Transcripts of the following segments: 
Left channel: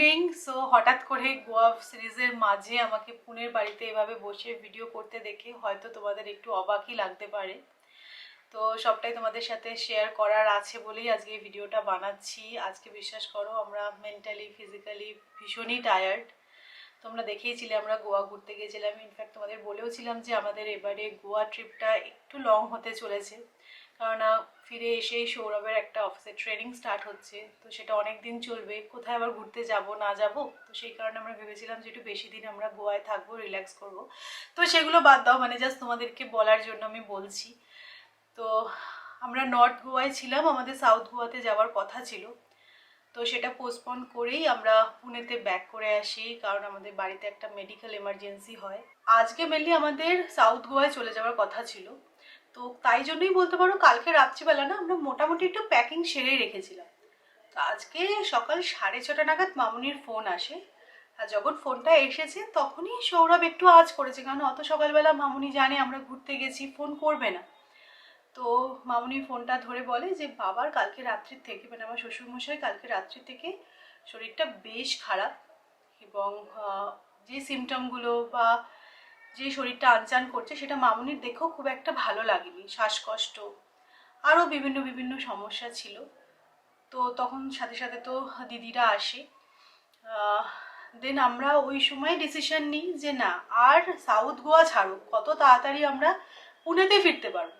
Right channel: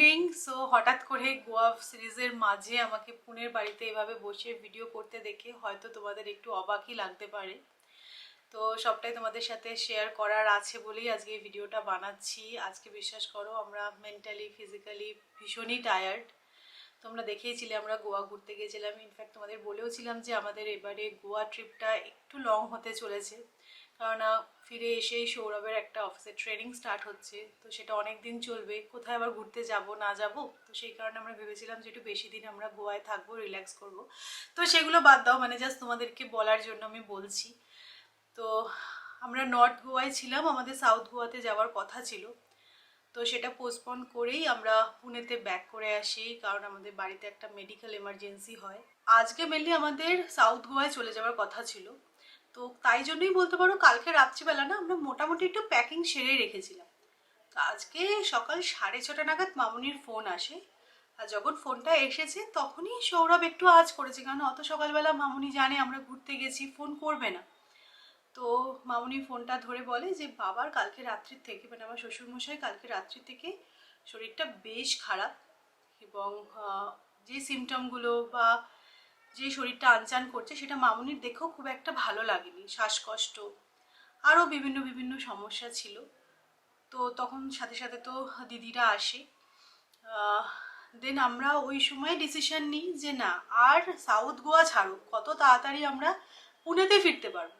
Evening. So হঠাৎ করে গোয়া সিরিজের মাঝে আমাকে পুনের বাড়িতে এভাবে বসে ভিডিও করতে দেখে হয়তো তোমাদের একটু অবাকই লাগতে পারে। তো সবটাই তোমাদের সাথে শেয়ার করার আছে বলেই আজকে এই ভিডিওটা বানাচ্ছি। আজকে বিশ্বাস করো আমরা মেন্টালি ফিজিক্যালি ভীষণই টায়ার্ড। তোমরা দেখেইছিলে আমরা গোয়া ঘুরতে গিয়েছিলাম, ইনফ্যাক্ট তোমাদের বলেওছিলাম যে আমাদের এবারে গোয়া ট্রিপটা একটু লং হতে চলেছে, কেননা ফিরে এসেই সৌরভের একটা অফিসে ট্রেনিং স্টার্ট হচ্ছে, তো সেটা অনেক দিন চলবে। কোথায় আবার ঘুরতে যাব না যাব, তো সেই কারণে আমরা ভেবেছিলাম যে একটু বেশি দিন আমরা গোয়ায় থাকবো, রিল্যাক্স করব। তো সেগুলো বাদ দাও, মানে জাস্ট তোমাদেরকে বলার জন্য আমি বলছি। তো আমরা নর্থ গোয়ায় ছিলাম, আমাদের সাউথ গোয়াতে যাওয়ার কথা ছিল, তো সেটা পোস্টপোন করেই আমরা পুনেতে ব্যাক করে আসি, কারণ আমাদের বাড়িতে একটা মেডিকেল এমার্জেন্সি হয়। আজকে মেনলি আমাদের সাউথ গোয়ায় চলে যাওয়ার কথা ছিল, তো তাই জন্যই বলতে পারো কালকে রাত্রিবেলা না আমরা মোটামুটি একটু প্যাকিং সেরেই রেখেছিলাম। তো আজকে সকাল 6:30 নাগাদ মামুনির ফোন আসে। আর যখন ফোনটা এসেছে তখনই সৌরভ একটু আঁচ করেছে, কারণ অত সকালবেলা মামুনি জানে আমরা ঘুরতে গেছি, ফোন করবে না। তো মামুনি ফোনটা ধরে বলে যে বাবার কালকে রাত্রির থেকে, মানে আমার শ্বশুরমশাই কালকে রাত্রি থেকে শরীরটা বেশ খারাপ, এবং যে সিমটমগুলো বা যে শরীরটা আনচান করছে সেটা মামুনির দেখেও খুব একটা ভালো লাগেনি, শ্বাসকষ্ট আরও বিভিন্ন বিভিন্ন সমস্যা ছিল। তো তখন সাথে সাথে তো দিদিরা আসে। দেন আমরা ওই সময় ডিসিশন নিই যে না, আর সাউথ গোয়া ছাড়ো, কত তাড়াতাড়ি আমরা পুনেতে ফিরতে পারবো।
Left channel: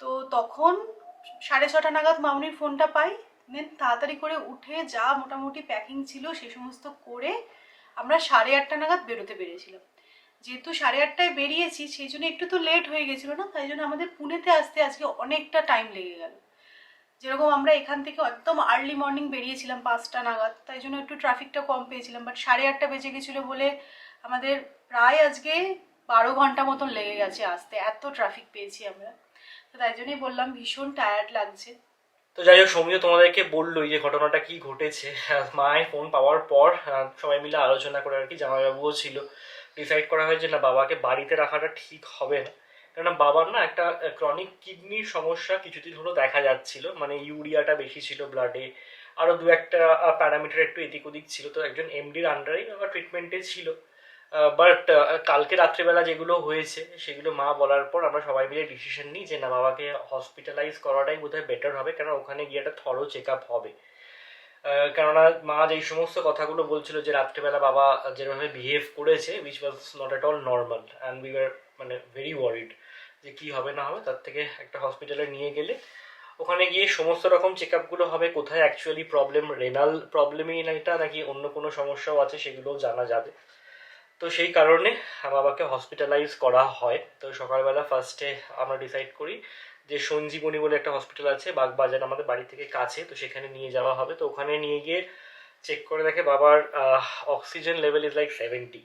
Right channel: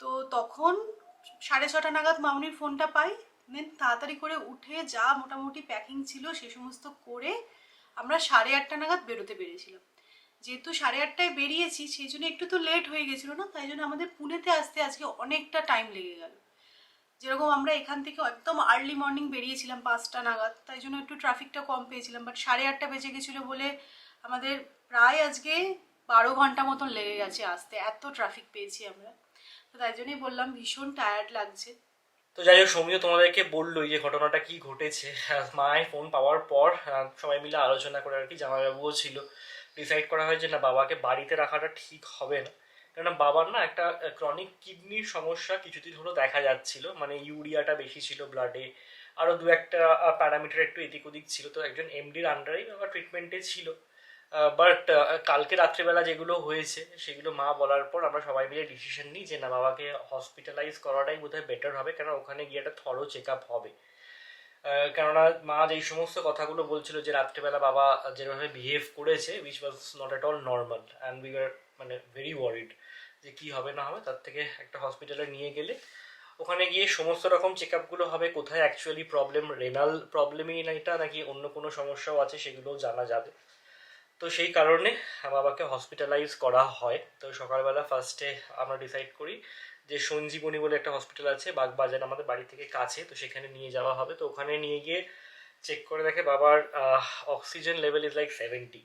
তো তখন 6:30 নাগাদ মামুনির ফোনটা পাই। দেন তাড়াতাড়ি করে উঠে যা মোটামুটি প্যাকিং ছিল সে সমস্ত করে আমরা 8:30 নাগাদ বেরোতে পেরেছিলাম। যেহেতু 8:30টায় বেরিয়েছি সেই জন্য একটু তো লেট হয়ে গেছিলো না, তাই জন্য আমাদের পুনেতে আসতে আজকে অনেকটা টাইম লেগে গেল। যেরকম আমরা এখান থেকে একদম আর্লি মর্নিং বেরিয়েছিলাম 5টা নাগাদ, তাই জন্য একটু ট্রাফিকটা কম পেয়েছিলাম, বাট 8:30 বেজে গেছিলো বলে আমাদের প্রায় আজকে 12 ঘন্টা মতন লেগে গেছে আসতে, এত ট্রাফিক পেয়েছি আমরা। তো তাই জন্যই বললাম ভীষণ টায়ার্ড লাগছে। তো যাই হোক, সৌমিও তোমাদেরকে বললোই যে ঘটনাটা কি ঘটেছে। মায়ের ফোন পাওয়ার পর সবাই মিলে আলোচনা করে আর কি, জামাইবাবুও ছিল, ডিসাইড করা হয় যে না, বাবাকে বাড়িতে রাখাটা ঠিক হবে না। কেননা বাবার না একটা ক্রনিক কিডনির সমস্যা কিছুদিন হলো দেখা যাচ্ছিল, মানে ইউরিয়াটা বেশি ছিল ব্লাডে, আরও দু একটা প্যারামিটার একটু এদিক ওদিক ছিল। তো একজন এমডির আন্ডারেই বাবা ট্রিটমেন্টে ছিল। বাট কালকে রাত্রিবেলা যেগুলো হয়েছে সেগুলো মা বলার পর আমরা সবাই মিলে ডিসিশন নিই যে না, বাবাকে হসপিটালাইজ করাটাই বোধহয় বেটার হবে, কেন ওখানে গিয়ে একটা থরো চেক আপ হবে। কেননা মা যেই সমস্ত কথাগুলো বলছিল যে রাত্রিবেলা বাবা যেভাবে বিহেভ করেছে, which was not at all normal, and we are মানে ভেরি ওয়ারিড যে কী হবে না হবে। তার থেকে একটা হসপিটালে নিয়ে গেলে ওখানে গিয়ে সমস্ত রকম চেক আপগুলো হবে, কোথায় অ্যাকচুয়ালি প্রবলেম, রেনাল প্রবলেমই না এটা নাকি অন্য কোনো সমস্যাও আছে সেগুলোও জানা যাবে। তো সেই কারণে বাবাকে হসপিটালাইজ করা হয়। তো সকালবেলা ফার্স্টে আমরা ডিসাইড করি যে সঞ্জীবনী বলে একটা হসপিটাল আছে বাগবাজার, আমাদের বাড়ি থেকে কাছে, তো সেখানে নিয়ে যাওয়া হবে। তো ওখানে নিয়ে গিয়ে চেক করে দেখে বাবার oxygen level is like 70,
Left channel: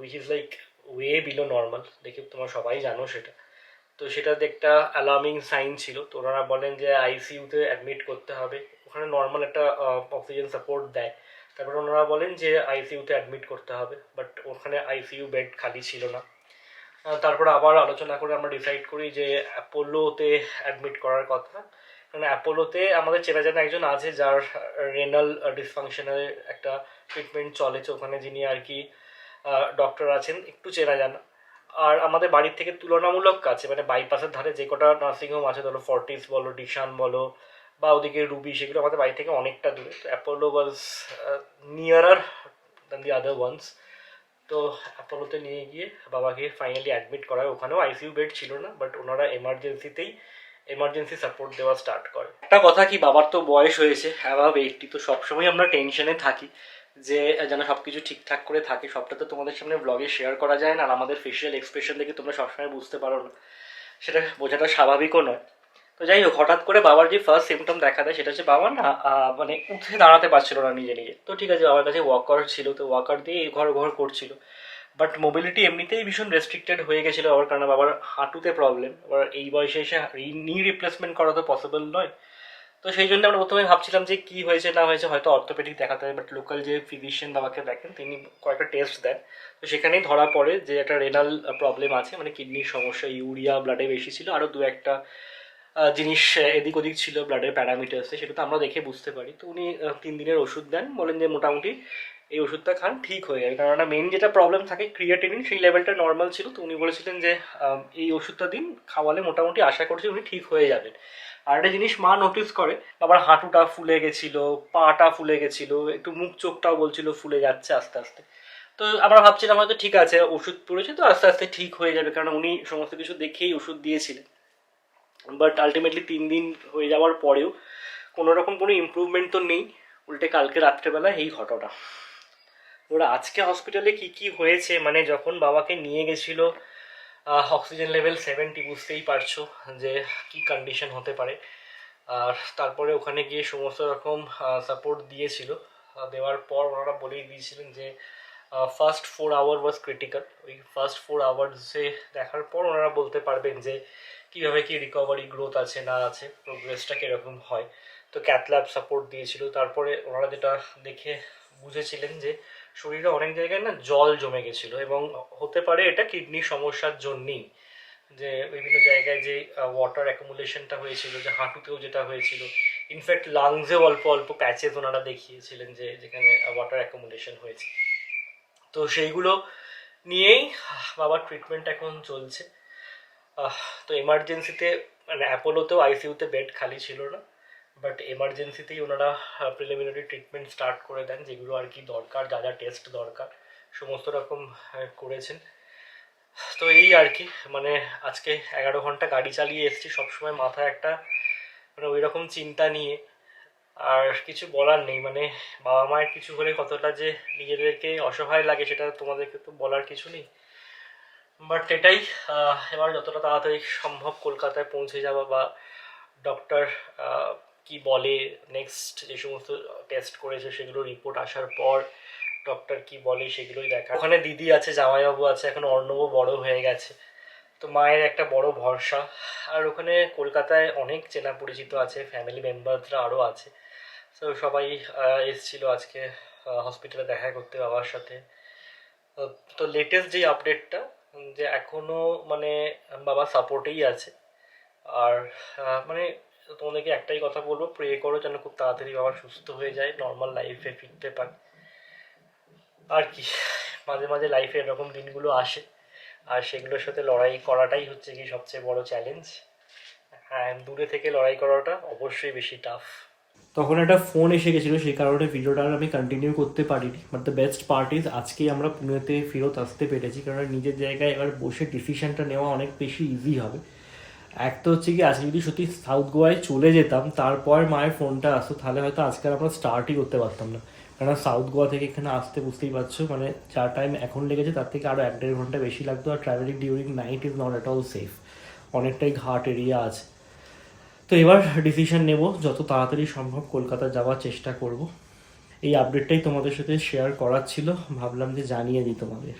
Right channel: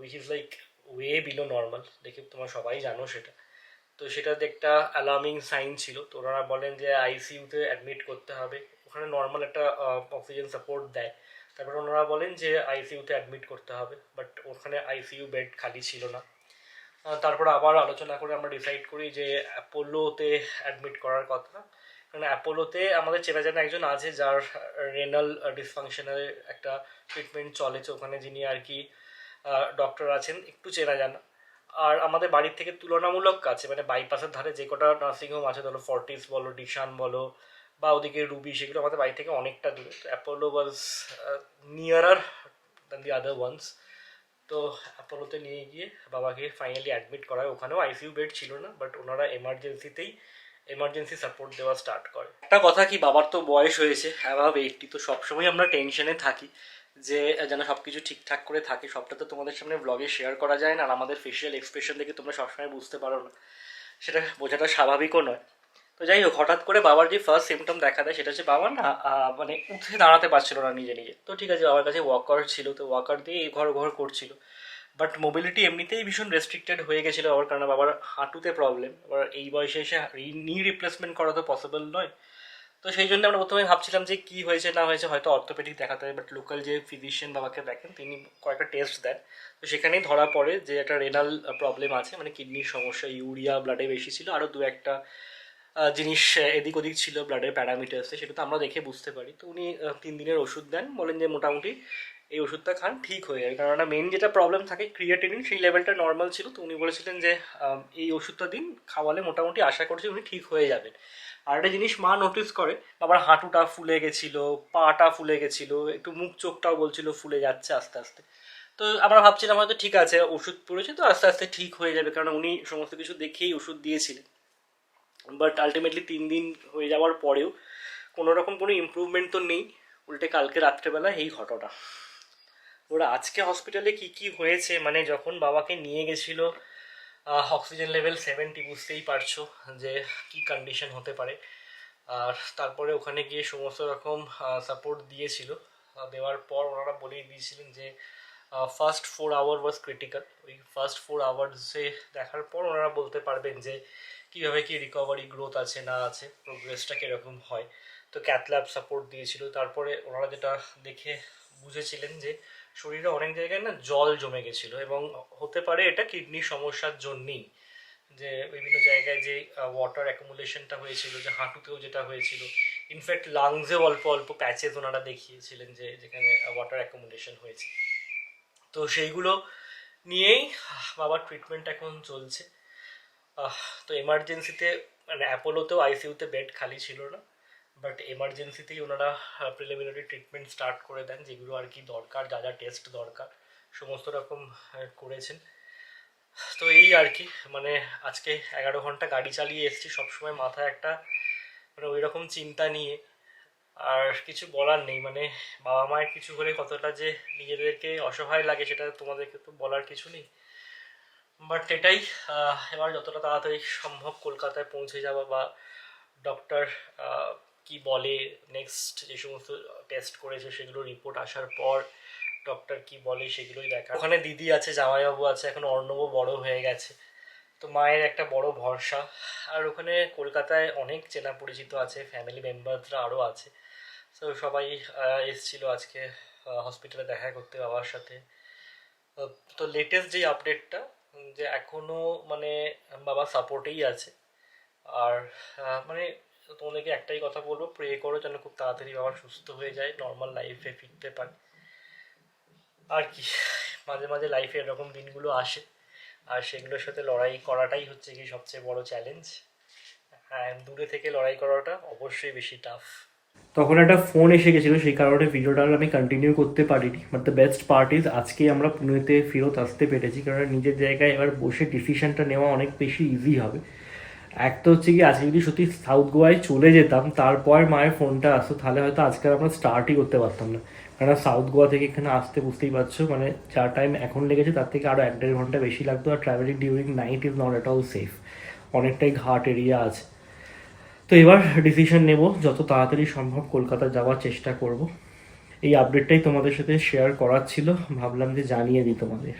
which is like way below normal, দেখে তোমরা সবাই জানো সেটা। তো সেটাতে একটা অ্যালার্মিং সাইন ছিল। তো ওনারা বলেন যে আইসিইউতে অ্যাডমিট করতে হবে। ওখানে নর্মাল একটা অক্সিজেন সাপোর্ট দেয়। তারপরে ওনারা বলেন যে আইসিইউতে অ্যাডমিট করতে হবে, বাট ওখানে আইসিইউ বেড খালি ছিল না। তারপরে আবার আলোচনা করে আমরা ডিসাইড করি যে অ্যাপোলোতে অ্যাডমিট করার কথা। কারণ অ্যাপোলোতে আমাদের চেনা জানা একজন আছে যার রেনাল ডিসফাংশনের একটা ট্রিটমেন্ট চলেছে ওখানে, যিনি আর কি ডক্টর আছেন, একটু চেনা জানা। আর আমাদের বাড়ির থেকে তুলনামূলক কাছে, মানে বাইপাসের ধারে যে কটা নার্সিংহোম আছে, ধরো ফর্টিস বলো, ডিশান বলো, বা ওদিকে রুবি, সেগুলো আমাদের বাড়ি থেকে অনেকটা দূরে। তো Apollo was nearer than the other ones. তো অ্যাপোলোতে নিয়ে গিয়ে বাবাকে ফাইনালি অ্যাডমিট করায়। ওখানেও আইসিইউ বেড ছিল না, বাট ওনারা এমার্জেন্সি সাপোর্ট দেওয়া স্টার্ট করে। একটা কথা কি, বাবার তো বয়স হয়েছে, অ্যাবাভ 80, তো সবসময় আমরা টেনশনে থাকি যে যেন সব কিছু ঠিকঠাক করে থাকে। সবটা তো তোমাদের সামনে ব্লগে শেয়ার করা যায় না, আর আমাদের ফেশিয়াল এক্সপ্রেশন দেখে তোমরা সবসময় বুঝতে পারো না, সেটা বোঝাটা স্বাভাবিকও নয়। তো যাই হোক, হঠাৎ করে বাবার যে ফার্স্ট সিমটম দেখা দেয় সেটা হচ্ছে বাবা না মানে উঠে দাঁড়াতে পারছিল না নিজে নিজে। তো ঠিক আছে, বাবার কাছে ওয়াকার ছিল, তো ওয়াকার দিয়ে ঘর ঘর করছিল, বাট মোবিলিটি এমনিতেই ভীষণ রেস্ট্রিক্টেড হয়ে গেছিলো বাবার, কারণে বাবার হাঁটুতে প্রবলেম। এবার এই বয়সে এসে নি রিপ্লেসমেন্ট করা তো পসিবল নয়। তো সেই জন্য আমরা প্রথমে ভাবছিলাম যে কী হয়েছে না হয়েছে, হয়তো অর্থোপেডিক দেখাতে হবে। বাট লোকাল যে ফিজিশিয়ান বাবাকে দেখেন তিনি কয়েকটা টেস্ট দেন, তো সেখানেই ধরা পড়ে যে একটা রেনাল প্রবলেম আছে, মানে কিডনির সমস্যা, ইউরিয়া ব্লাডে বেশি ছিল, আরও দু একটা জিনিস এদিক ওদিক ছিল ব্লাডের প্যারামিটার্সে, সেটা তো আমরা দেখে বুঝতে পারি। তো উনি 3 দিনের ওষুধ দেন, বলেন যে মোটামুটি এই ওষুধটা খান ঠিক হয়ে যাবে, কারণ একটা মেন যেটা প্রবলেম থাকে ক্রিয়েটিনিন, সেই লেভেলটা নর্মাল ছিল। তো উনি বলেছিলেন যে এই ওষুধটা দিন, খাওয়ালে মোটামুটি আশা করছি উনি ঠিক হয়ে যাবেন। আর একটা জিনিস মা নোটিস করে, আবার হাঁটুটা ফুলে গেছিলো, পাটা ফুলে গেছিলো, একটু মুখ চোখটাও বলছিল ফুলে যাচ্ছে আস্তে আস্তে। তো আমরা ভাবছিলাম হয়তো ঠিক আছে, ওষুধ পড়েছে তো আস্তে আস্তে ঠিক হয়ে যাবে, কারণ উনি সমস্ত কিছু দেখেই ওষুধ দিয়েছিলেন। বাট আলটিমেটলি 3 দিন হয়ে যাওয়ার পরেও কোনো রকম কোনো ইমপ্রুভমেন্ট তো নেই, উল্টে কালকে রাত্রেবেলা এই ঘটনা। ওরা আজকে হসপিটালে কি কি হয়েছে, মানে যখন বাবাকে নিয়ে গেছিল অক্সিজেন লেভেল 70, বুঝতেই পারছো যে কি কন্ডিশন হতে পারে। আর তারপরে ওখানে গিয়ে সমস্ত রকম সাপোর্ট দিয়েছিল, দেওয়ার পর ওনারা বলেই দিয়েছিলেন যে ফার্স্ট 4 আওয়ার ওয়াজ ক্রিটিক্যাল। ওই ফার্স্ট 4 আওয়ার্সে দেখার পর ওনারা বলতে পারবেন যে কীভাবে কি রিকভারি গ্রোথ আছে না আছে, প্রোগ্রেসটা কীরকম হয়। তো ক্যাথল্যাব সাপোর্ট দিয়েছিল। তারপরে ওনারা যেটা দেখে বুঝেছিলেন যে শরীরে অনেক জায়গায় না জল জমে গেছিলো, এবং হতে পারে এটা কিডনির সমস্যার জন্যই, যে বিভিন্ন জায়গায় যে ওয়াটার অ্যাকুমুলেশনটা হয়েছিল, যে হাঁটুতেও যেটা হয়েছিল, ইনফ্যাক্ট লাংসেও অল্প অল্প প্যাচেস ওনারা দেখিয়েছিলেন যে যেখানে ওয়াটার অ্যাকুমুলেশন হয়েছে। তো সেইগুলো নিয়েই বাবার ট্রিটমেন্ট এখন চলছে। তো এমার্জেন্সিতে মানে অ্যাপোলোতেও আইসিইউতে বেড খালি ছিল না, বাট এমার্জেন্সিতেই ওনারা প্রিলিমিনারি ট্রিটমেন্ট স্টার্ট করে দেন, যেগুলো আর কি দরকার, যা যা টেস্ট দরকার সমস্ত রকম করেছেন। তো এই আর কি, মানে আজকে 11 ঘন্টা গাড়ি চালিয়ে এসেছি, সবসময় মাথায় একটা মানে ওই রকম চিন্তা নিয়ে। আর কিছু বলার নেই, মানে বাবা মায়ের কিছু হলে কতটা যে নিজেদেরকে অসহায় লাগে সেটা তোমাদেরকে তো বলার কিছু নেই। বাট এটাই, এবার যতটা তাড়াতাড়ি সম্ভব কলকাতায় পৌঁছে যাওয়া, বা ডক্টর কি বলে নেক্সট যে সমস্ত টেস্ট করেছে সেগুলো রিপোর্ট আসার পর ডক্টর কি বলে সেগুলোই দেখা। ওখানে দিদি আছে, জামাইবাবু আছে, এখন অর্ণবও বড় হয়ে গেছে, তো মায়ের একটা বড় ভরসা। আর ওখানে কলকাতায় অনেক চেনা পরিচিত আছে, ফ্যামিলি মেম্বারসরা আরও আছে। তো সবাই এসেছিল আজকে হসপিটালে দেখা করতে বাবার সাথে। তো লেটেস্ট যে আপডেটটা, যে এখনও মানে বাবা সাপোর্টেই আছে। আর মানে তোমাদেরকে একটাই কথা বলবো, প্রে করো যেন খুব তাড়াতাড়ি বাবা সুস্থ হয়ে যায়, নর্মাল লাইফে ফিরতে পারে। আর কি, মাঝে মাঝে লাইফে এরকম দিনগুলো আসে, আর সেগুলোর সাথে লড়াই করাটাই হচ্ছে কি সবচেয়ে বড় চ্যালেঞ্জ। হ্যাঁ, দূরে থেকে লড়াই করাটা অবশ্যই বেশি টাফ। তখন একটা ফোন এসে গেছিলো, সেই কারণে ভিডিওটা আমি কন্টিনিউ করতে পারিনি। But the best part is আজকেই আমরা পুনেতে ফেরত আসতে পেরেছি, কারণ নিজের জায়গায় এবার বসে ডিসিশনটা নেওয়া অনেক বেশি ইজি হবে। এক তো হচ্ছে কি, আজকে যদি সত্যি সাউথ গোয়ায় চলে যেতাম, তারপর মায়ের ফোনটা আসতো, তাহলে হয়তো আজকে আমরা স্টার্টই করতে পারতাম না। কারণ সাউথ গোয়া থেকে এখানে আসতে বুঝতেই পারছো, মানে যা টাইম এখন লেগেছে তার থেকে আরও 1-1.5 ঘন্টা বেশি লাগতো। Are travelling during night is not at all safe, অনেকটাই ঘাট এরিয়া আছে। তো এবার ডিসিশন নেব, যত তাড়াতাড়ি সম্ভব কলকাতা যাওয়ার চেষ্টা করব। এই আপডেটটাই তোমাদের সাথে শেয়ার করার ছিল, ভাবলাম যে জানিয়ে দিই তোমাদের।